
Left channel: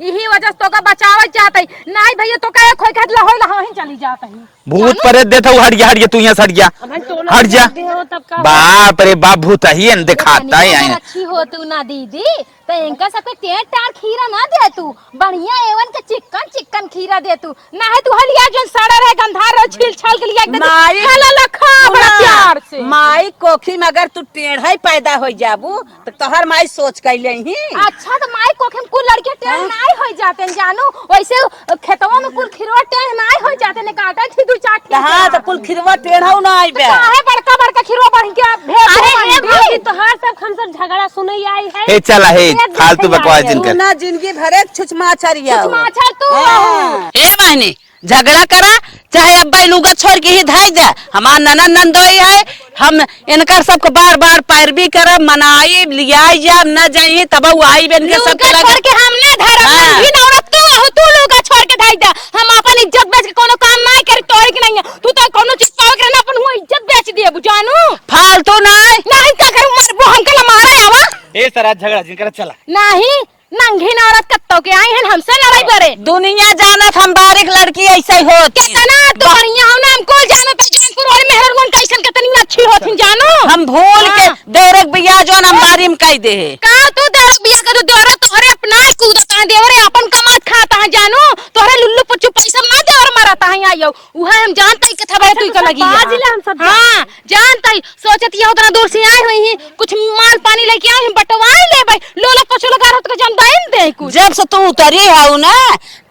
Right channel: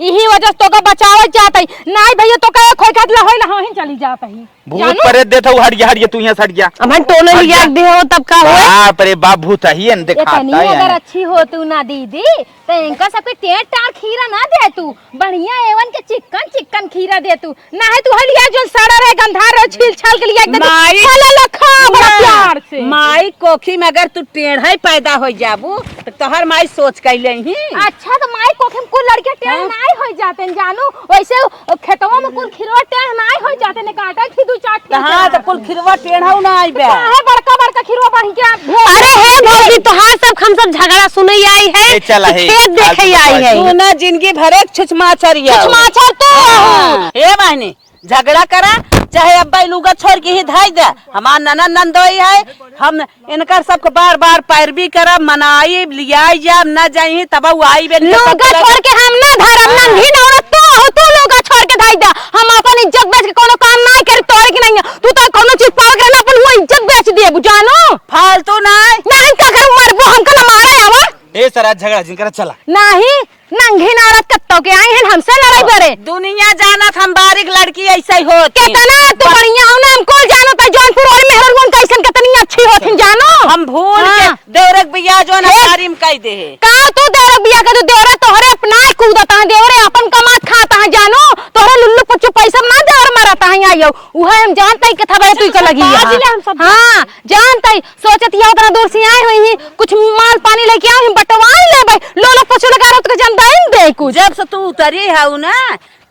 यही वजह से तो का बचावे चाहत है। नहीं भैया तो कहे खोई खात ला होई ला ही चली जात है। भूत प्रेत देता हूँ हट गया तू यहाँ से हट गया। हमारे टोले हट जा। भी हो तब का हो। बाप रे बाप भूत ही दिखाता है अगर अच्छी हो तू ना दीदी तो इनका सब कोई तेल टार खीरा ना दे तू बढ़िया एवन के चिकन चिकन खीरा दे तू ना है तू हलिया जो सड़ा रहे गंधार रहे छील छाल के लिए एकदम माई खाला लखा बड़ा प्यार से माई कोखी में अगर तू टेढ़ा पैदा हो जाबू तो तोहर माई सोच कैले ही। अच्छा तो माई कोखी में कुल लड़के टेढ़ नहीं हो जाते हैं जानू वैसे खेतों में कुल खीरवा टेढ़ नहीं हो जाते ने काटा थी दू चाट। हां तो कुल खिरवा टेढ़ा ना आई बे काहे बड़का बड़का खीरवा बन के अरे हे भौजी तोहार सब हम सब झगड़ा सुनई आई है। ए चला है फालतू बकवास तू नहीं ना जिंदगी भरे छुचमाचरिया छुचमाचर तू ए बहनी झगड़ा करा चाहे अब्बा लुगा छोड़ के ही धाई जा। हमार ननद नंदोई है हम इनकर सबको बार बार पैरवी करब मनाई लियाई जा न जाई तब आई बे लोग छोड़ के हम ना धरम नंगी औरत तू लोग छोड़ के धाई जा। हम अपन इज्जत बेच के कोनो काम नहीं करे तोरे के नहीं तू तो कोनो चीज पाओ के ना अपन वो इज्जत बेच दे बुझानो फालतू नहीं का कर मर हमको ना मारे आवा ए सरा झगड़ा जिनका चला नहीं नंगी औरत कत्तो के आई हैं हमसे लड़ाई करे दुनिया जानत हम बारीक लड़की ऐसे होत कितना तो बढ़िया हो ना हमको जानो त जौनपुर और मेहरगंज कैसन कितनी अच्छी होथिन जानो। हम भूल के देवरक बिया जो ना बारी में कह दे का तू देवरक बिया के तू देवरे तोहरे अपना कूदता देवरे अपन कमात खाता है जानो तोहरे लुल्लू पुच्चू पैसा ना देवर मारता है आयो उहा हम जानता ही कथा बड़े पैसा लगी है। हां जानता ही सोचत ये उतना दूर से आई हुई है कुछ माल पानी लेके आओ बटवाई ले भाई लोला पुच्चू लगा रत के जनता इन दे कुछ जब से तू उतरी है ना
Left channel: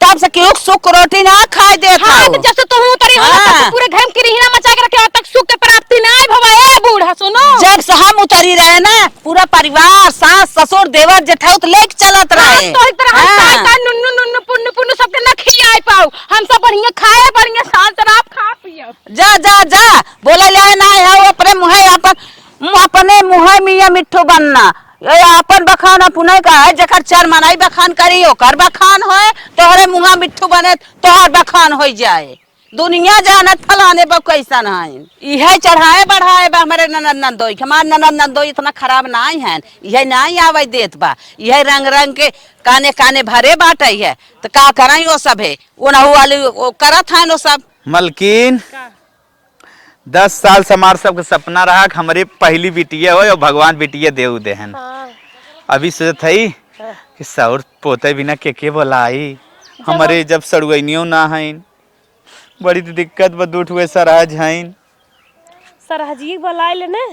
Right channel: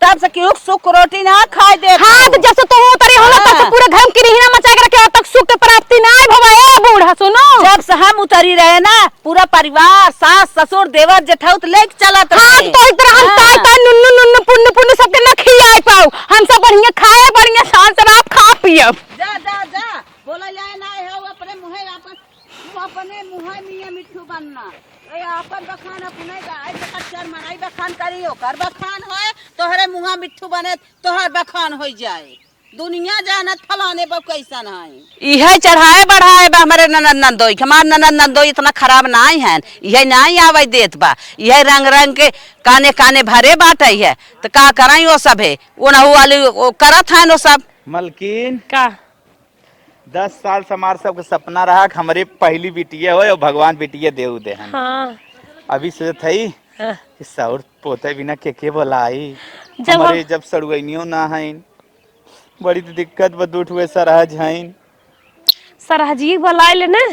तब से केहू सुख रोटी ना खाए दे। हां तो जब से तू उतरी हो तब से पूरा घर की रिहना मचा के रखे तक सुख के प्राप्ति ना भवाए बूढ़ा सुनो। जब से हम उतरी रहे ना पूरा परिवार सास ससुर देवर जेठाउत लेके चलत रहे तो एक तरह हम ताई नुन्नु नुन्नु पुन्नु पुन्नु सबके ना खियाए पाओ हम सब बढ़िया खाए बढ़िया शान से आप खा पियब जा जा जा बोला ले ना है अपने मुहे अपने मुहे मियां मिठू बनना ये अपन बखान पुनः का है जकर चार मनाई बखान करी ओकर बखान होए तोहरे मुहा मिठू बने तोहर बखान हो जाए। दुनिया जानत फलाने पर कैसा है इहे चढ़ाए बढ़ाए बा हमारे ननद नंदोई हमार ननद नंदोई इतना खराब नहीं है यह नहीं आवे देत बा यह रंग रंग के काने काने भरे बाटे है तो का कराई वो सब है वो नहु वाली करत है वो सब। मलकिन का 10 साल से हमार सबके सपना रहा कि हमारे पहली बिटिया हो और भगवान बिटिया देव देहन। हाँ। अभी सोचत है कि सौर पोते बिना के बोलाई हमारे जब सड़ुनियो ना हईन बड़ी दिक्कत बदूठ हुए सरहज हईन सरहजी बुलाए ले ना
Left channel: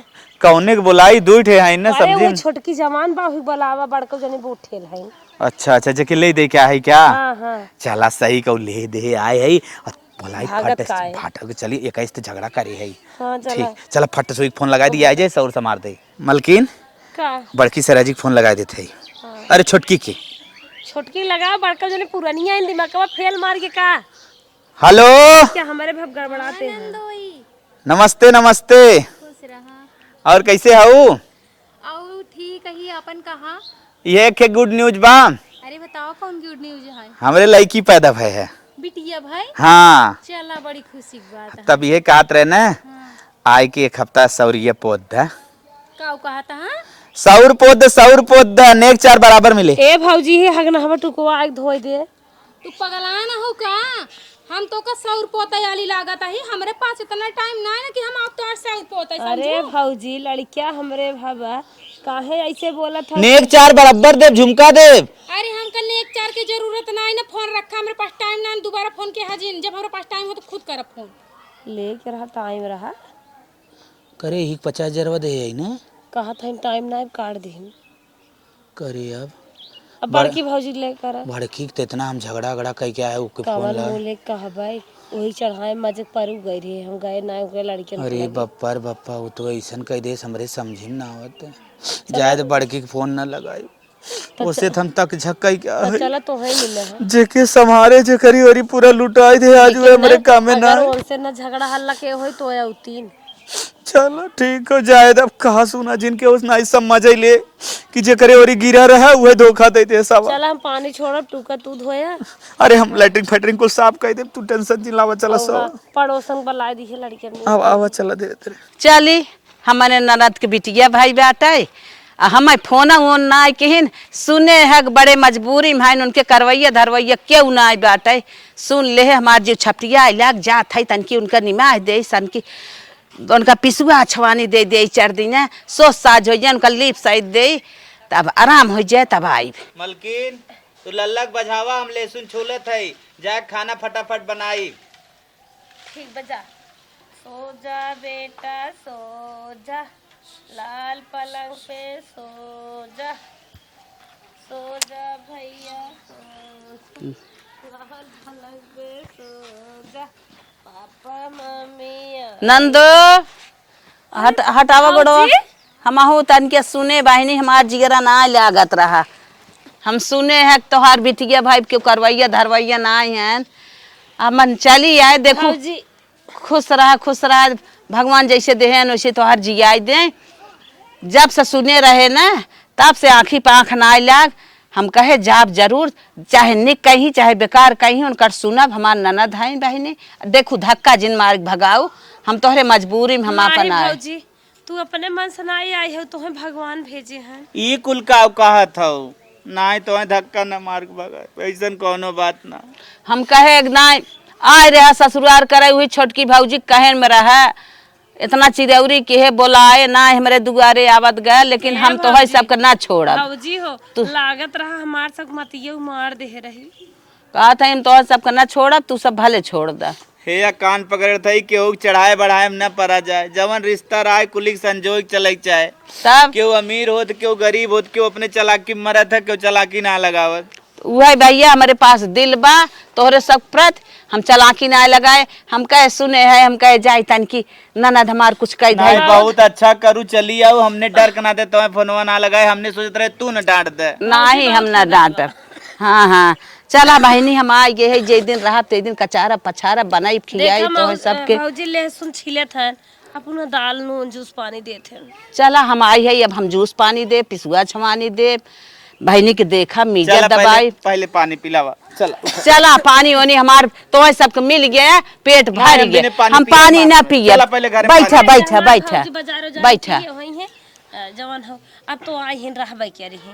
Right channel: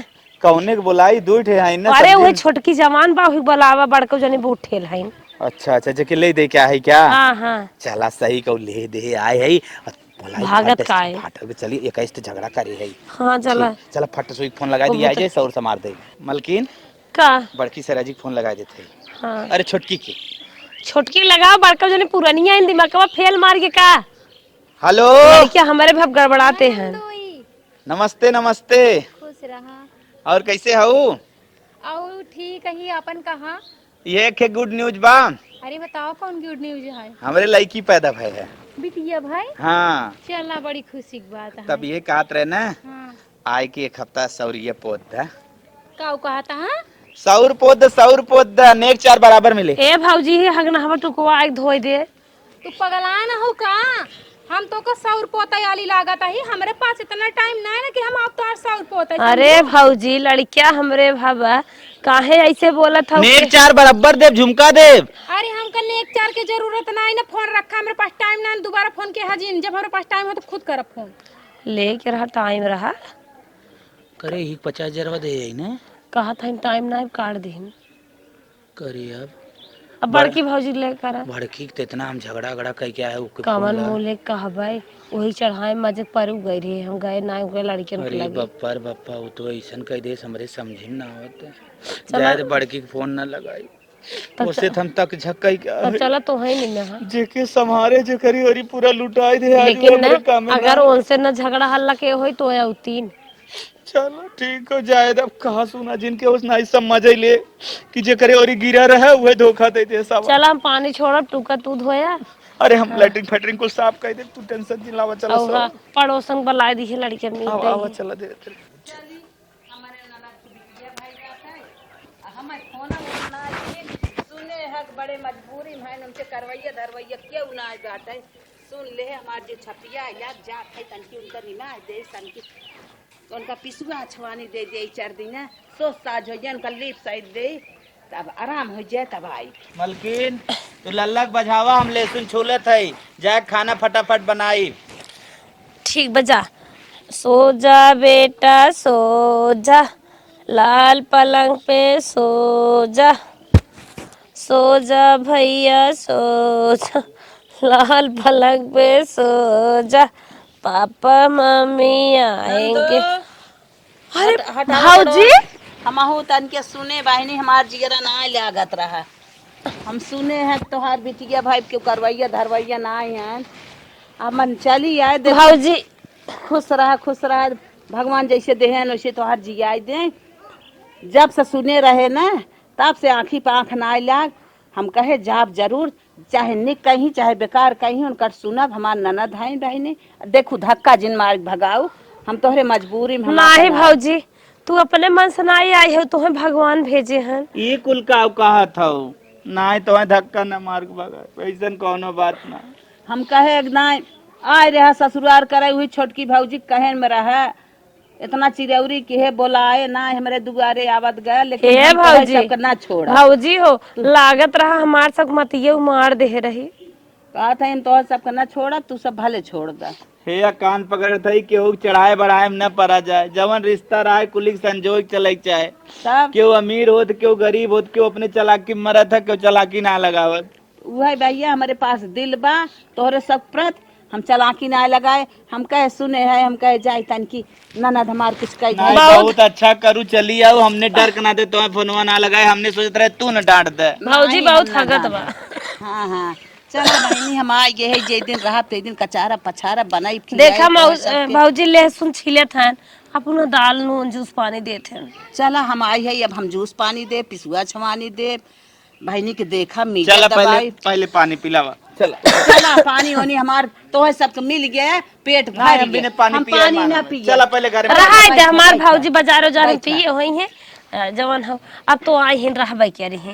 कौने के बोलाई दूठ है हईन ना अरे वो समझे। छोटकी जवान बा ही बुलावा बड़को जने बहुत ठेल है। अच्छा अच्छा जके ले दे क्या है क्या हां हां चला सही कौ ले दे आए है भागत का है फाटक चली 21 तो झगड़ा करे है। हां चला चला फट से फोन लगा दिया जाए सौर से मार दे। मलकिन का बड़की सराजी फोन लगा देते है। हाँ। अरे छोटकी की छोटकी लगाओ बड़का जने पुरानिया इन दिमागवा फेल मार के का हेलो क्या हमारे भव गड़बड़ाते हैं। नमस्ते नमस्ते और कैसे हो और ठीक है अपन कहाँ। ये के गुड न्यूज बा अरे बताओ कौन गुड न्यूज है। हमारे लड़की पैदा भय है। बिटिया भाई हाँ चला बड़ी खुशी की बात है। तब ये कहत रहे ना आय के एक हफ्ता सौरिये पौधा का कहा था हाँ? सौर पौधा नेक चार बराबर मिले। ए भौजी हे हगना हम तू को आग धोई दे। तू पगला न हो का? हम तो का सौर पोता वाली लागत है, हमरे पास इतना टाइम ना है ना कि हम आप तो सौर पोता। अरे भौजी लड़किया हमरे भाबा काहे ऐसे बोलत हौ? नेक चार बराबर देव झुमका देव। अरे हमका नेक चार के जरूरत ना है ना, फोन रखा हमरे पास टाइम ना है, दोबारा फोन के हाजिर जब हमारे पास टाइम हो तो खुद करब फोन। लेके रहा टाइम रहा करे ही 50,000 दे आई ने कहा था टाइम ना काट देहिन। करे अब बड़की भौजी लेकर भड़की तो इतना हम झगड़ा कह के आए ओके कमल मोले कहबै वही चढ़ाए मजे पर गए रहे हम गए ना गए लड़कियन के अरे लगे। बप्पा वो तो ऐसन कह दे हमरे समझे ना आवत जायद बड़की के फोन ना लगाई उसे हम तक झक्कई क्या तो चला तो है मिले है जेके संभारे जे करी वरी पूरा लुटाई दे आज लेकिन हमरे काम में ना। अगर उनसे न झगड़ा हल्ला के होई तो या तीन चलो ठीक हो जायद अब कहा सुना जिनके उस नाई समझ ले कि जे करे वरी गिरा रहा वह धोखा देते सब। चला हम पानी छोड़ब टूका तू धोया अरे हम लैट्रिन फैटरिन को साफ कर दे तू टेंशन चिल्लावा चला और सब पड़ोसन बुला दी है लड़कियन ने। अब आवा चला दे तेरे चली हमारे ननद के बिटिया भाई बाटे हमें फोन वोन ना किन सुने है बड़े मजबूरी में है उनके करवैया धरवैया क्यों ना आई बाटे सुन ले हमार जो छपटिया लाग जात है तनकी उनका निमाह दे सन की उनका पिसुआ छवानी दे दे 4 दिन सोच साज हो जाए उनका लीप साइड दे तब आराम हो जाए तब आई। मलकिन तू लल्लक बजावा हम लहसुन छोले थे जाए खाना फटाफट बनाई। ठीक बजा सो जा बेटा सो जा लाल पलंग पे सो जा भैया सो जा लाल पलंग पे सो जा पापा मम्मी नंदो हट हटाओ बड़ो हम आहू तन के सुने बहनी हमार जिगरा ना लागत रहा हम सुने हैं तोहार बिटिया भाई क्यों करवैया धरवैया ना आई हैं अमन चली आए देखो जी खुश रहा भगवान जैसे देहन वैसे तोहार जियाई दे जब से सुने रहे ना तब से आँखी पे आँख ना लाग हम कहे जाब जरूर चाहे निक कहीं चाहे बेकार कहीं उनकर सुनब हमार ननद है बहनी देखू धक्का जिन मार भगाओ हम तोहरे मजबूरी में माही हमारे भौजी तू अपने मन से ना आई हो तुम्हें भगवान भेजे हैं। ई कुल का कहा था ना तो धक्का न मार भगा ऐसन कोनो बात ना हम कहे ना आए रहा ससुराल करे हुई छोटकी भौजी कहन में रहा इतना चिरौरी के है बोलाए ना हमारे दुआरे आवत गए लेकिन हम तो है सबका ना छोड़ा भौजी हो लागत रहा हमार सब मतिये मार दे रही कहा था इन तो सबका ना छोड़ा तू सब भले छोड़ दा हे या कान पकड़ थई केहू चढ़ाए बढ़ाए में न पड़ा जाए जवन रिश्ता रहा कुलिक संजोग चले चाहे तब केहू अमीर होत केहू गरीब होत केहू अपने चालाकी में मरत है केहू चालाकी ना लगावत वही भैया हमारे पास दिल बा तोहरे सब प्रत हम चलाकी ना लगाए हम कहे सुने है हम कहे जाए तन की ननद हमार कुछ कह नहीं बहुत अच्छा करू चली आओ हमने डर के ना दे तो फोनवा ना लगाए हमने सोचत रहे तू न डांट दे नहीं हम ना डांट हाँ हाँ चला बहनी हम आ गए है जे दिन रहा ते दिन कचारा पछारा बनाई देखा खिलाई सबके भौजी लहसुन छिलत हैं अपन दाल नून जूस पानी देते हैं। चला हम आई है अब हम जूस पानी दे पिसुआ छवानी दे बहनी के देखा मीजा चला दबाई पहले पानी पिलावा चला चला पानी वानी हमार तो सबके मिल गया पेट भर गया हम पानी ना पिए चला पहले घर में बैठा बैठा हमार बैठा भौजी बाजारो जाने बैठा। पिए होई है जवन हो अब तो आई हिन रहबै के रही